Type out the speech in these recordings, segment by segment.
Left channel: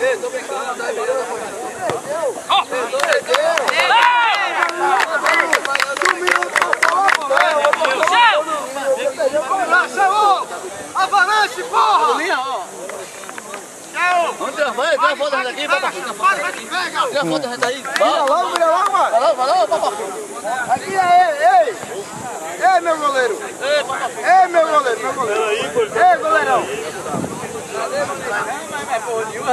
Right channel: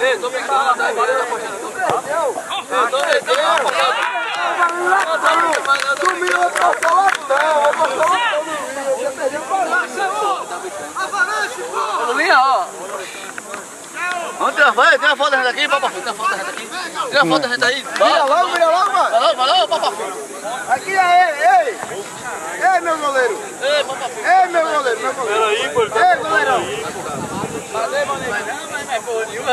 Ei, tô brincando, tá virando a corrida. Sumiu pra avalanche, porra! Linha, ó. Vamos tirar uma foto da gente aqui, papai. Tira uma foto da gente aí. Vira logo, mano. Valeu, papai. Aqui é ele, ei. Ei, meu goleiro. Ei, meu goleiro. Ei, goleirão. Cadê, maneiro? Não é porra nenhuma.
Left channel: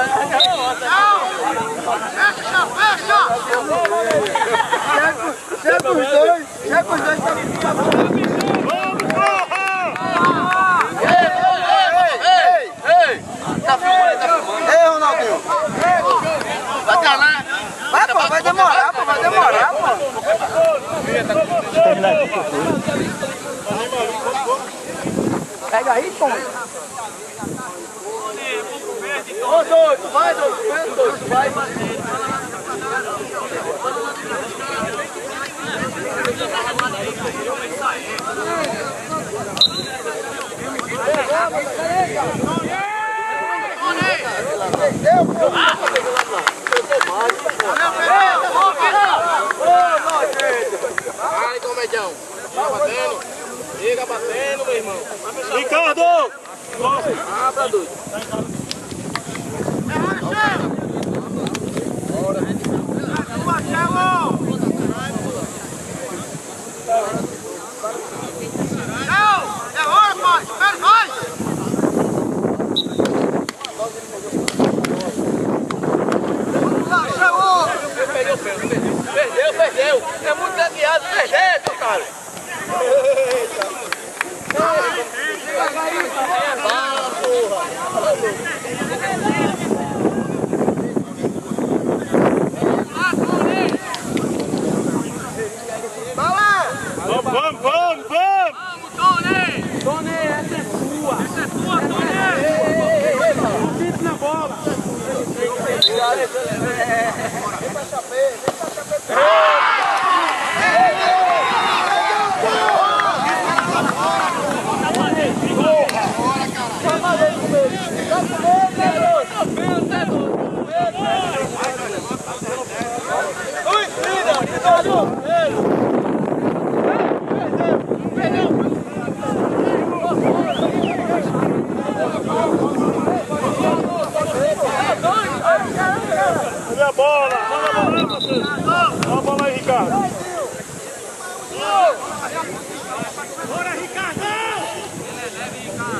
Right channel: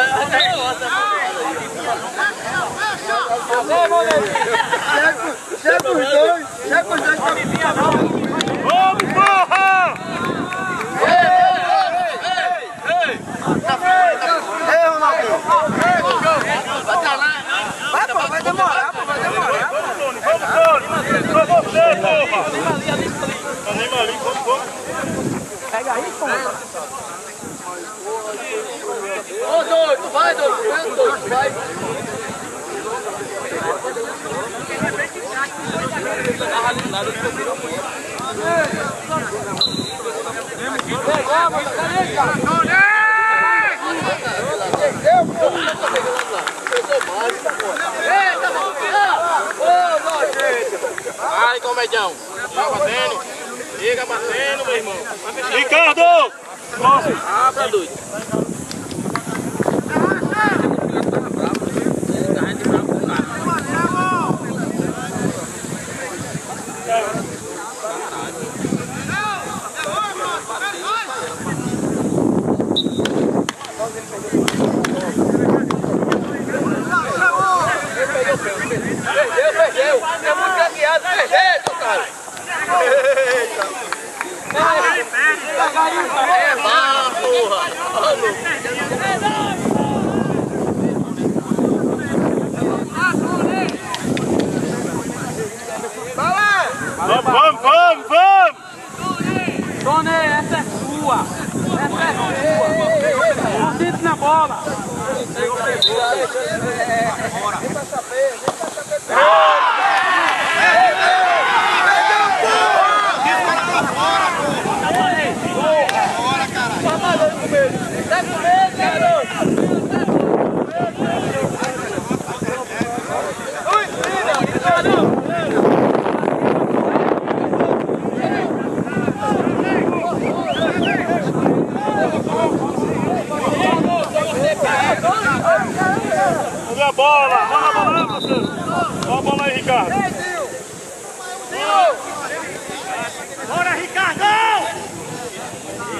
Chega os dois. Vamos, porra! Ei, Ronaldinho! Vai, pô, vai demorar, pô. Pega aí, pô. Ô, doido, vai, doido, vai. Vai, comedião. Fica batendo, meu irmão. Ricardo! Abra, doido. Perdeu. É muito gagueado, perdeu, cara. Vamos! Tony, essa é sua! Concentre na bola! Vem pra Chapé! Bora, caralho! Tá com medo, garoto! Cadê a bola? Olha a bola aí, Ricardo. Bora, Ricardão!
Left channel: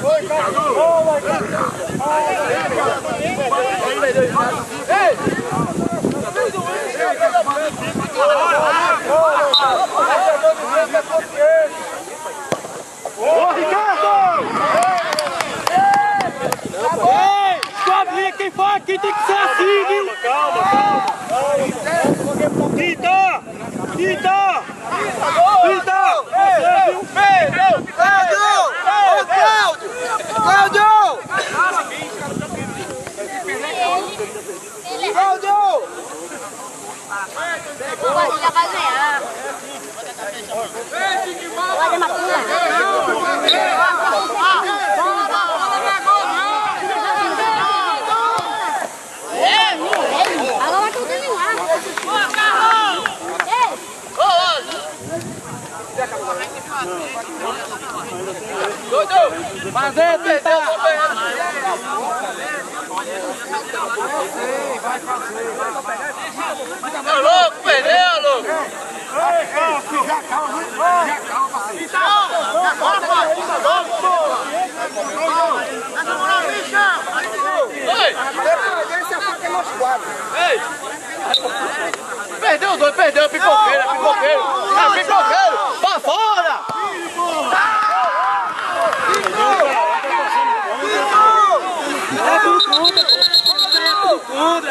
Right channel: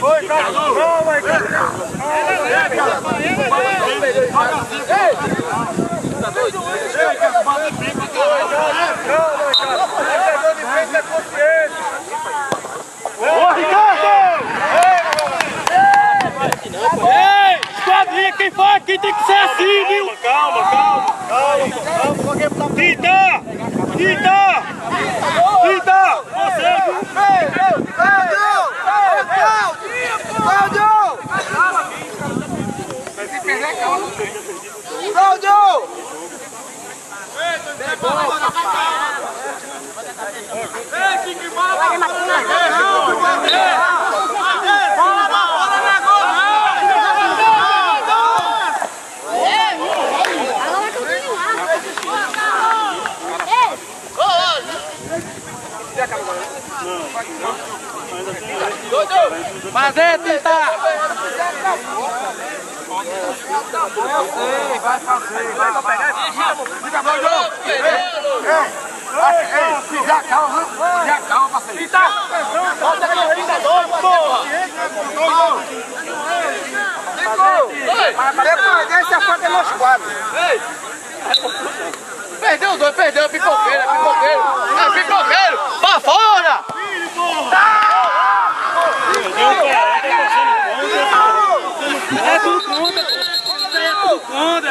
Oi, Ricardo! Ô, Ricardo! Ei, quadrilha, quem for aqui tem que ser assim, viu? Calma. Tita! Você, viu? Cláudio! Fazer, tentar! Eu sei, vai fazer. Vai louco, perdeu, louco! Já calma, parceiro. Bota a cabeça logo, porra! Esse é a faca nosso quadro. Perdeu, pipoqueiro. É pipoqueiro! Pra fora! É tudo contra!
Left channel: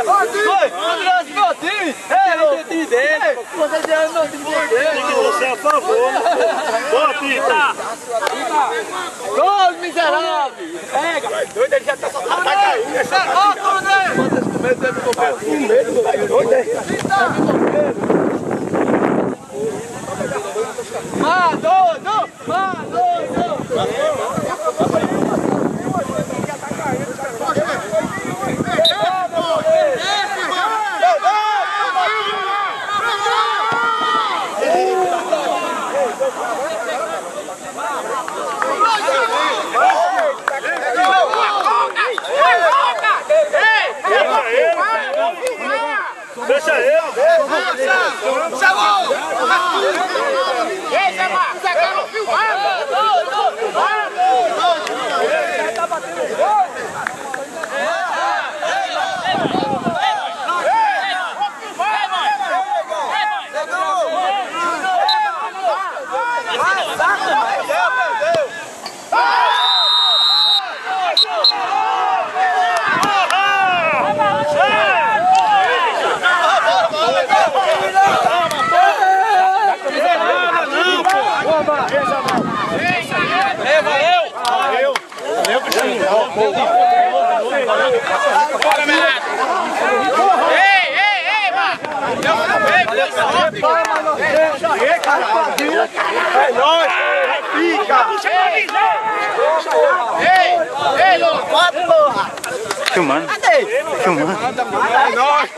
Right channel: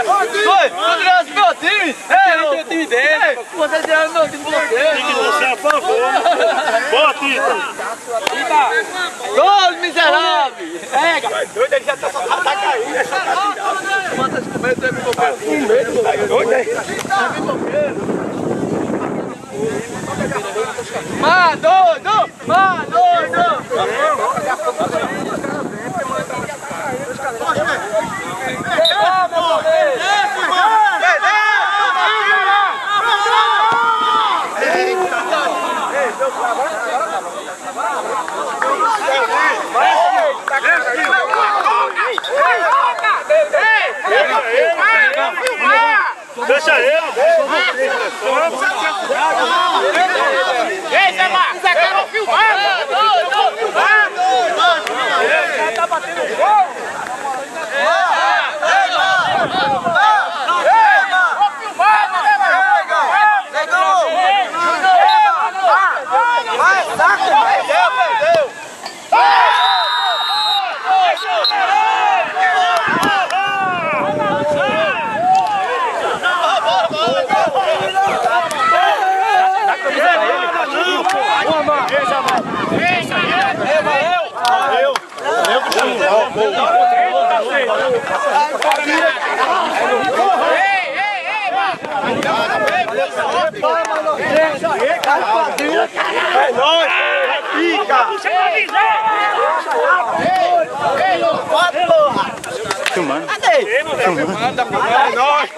Vamos tirar meu time! É o time dele! Você tirando meu time dele! Tem que você a favor! Boa, Tita! Gol, miserável! Pega! Vai doido, ele já tá caindo, é só catirado! Manda esse comer, tu é pipoqueiro! Com medo, você doido, é? É pipoqueiro! Má doido! Deixa ele. Ei, Zé Marcos, Zé Carlos filmando. Tá batendo aí. É nóis! Fica! Filmando? Filmando? É nóis!